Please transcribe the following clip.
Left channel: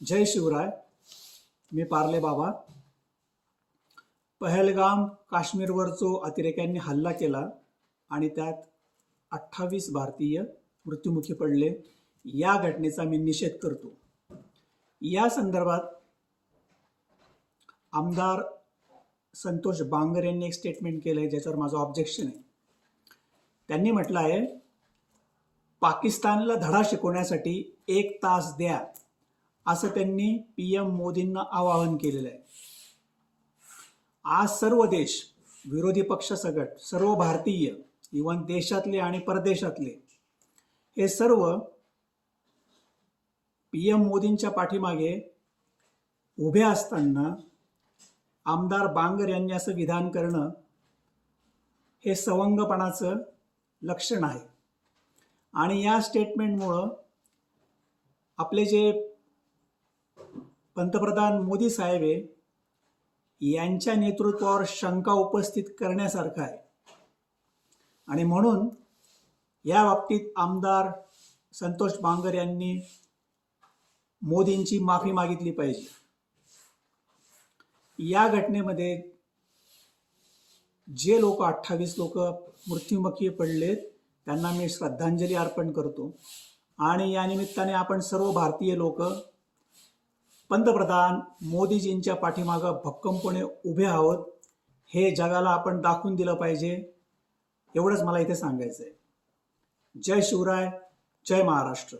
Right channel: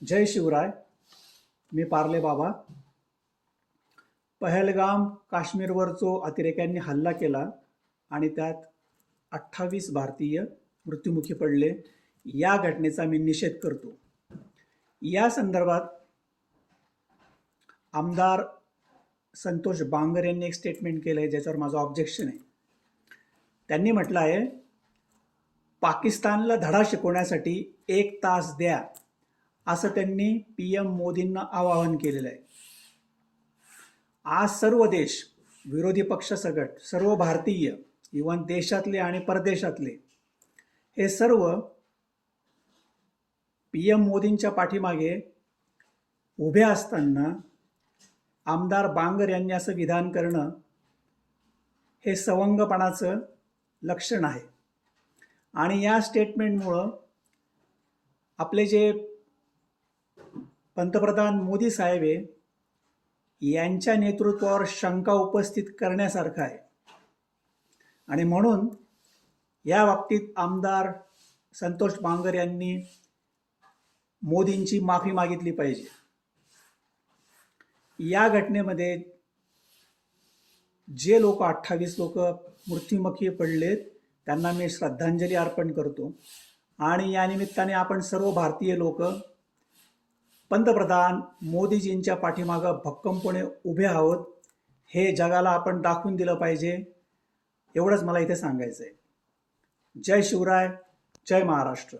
जय शिवराय. मी पार्ले बाबा. पहलगाम काश्मीरवर जो अतिरेक्यांनी हल्ला केला आणि त्यात 28 भारतीय मृत्युमुखी पडले, या घटनेचा मी निषेध करतो. या संदर्भात आमदार संतोष बांगर यांनी एक स्टेटमेंट केलं आहे, ज्याच्यावर माझं ऑब्जेक्शन आहे. त्यांनी म्हटलं आहे, पाकिस्तानला धडा शिकवण्यासाठी 1 तास द्या, असं त्यांनी PM मोदींना आवाहन केलेलं आहे. आज सर्व देश, विरोधी पक्ष सगट, सर्व भारतीय, इव्हन देशातले आणि परदेशातले, हे सर्व PM मोदींच्या पाठीमागे उभे असताना आमदार बांगर यांनी असं विधान करणं हे सवंगपणाचं लक्षण आहे. आणि या स्टेटमेंटमुळं आपले जे पंतप्रधान मोदी साहेब आहे, यांच्या नेतृत्वावर शंका उपस्थित करण्यासारखं आहे. आणि म्हणून या बाबतीत आमदार संतोष बांगर यांनी मोदींची माफी मागितली पाहिजे. या घटनेमध्ये जे लोक 28 लोक मृत्युमुखी पडलेत, त्यांना मी श्रद्धांजली अर्पण करतो. आणि या निमित्ताने आपण सर्व भारतीय लोक पंतप्रधान मोदीजींच्या पाठीमागं भक्कमपणे उभे आहोत, हे जगाला आपण दाखवून दिलं पाहिजे. एवढंच मला इथे सांगायचं आहे. जय शिवराय, जय महाराष्ट्र.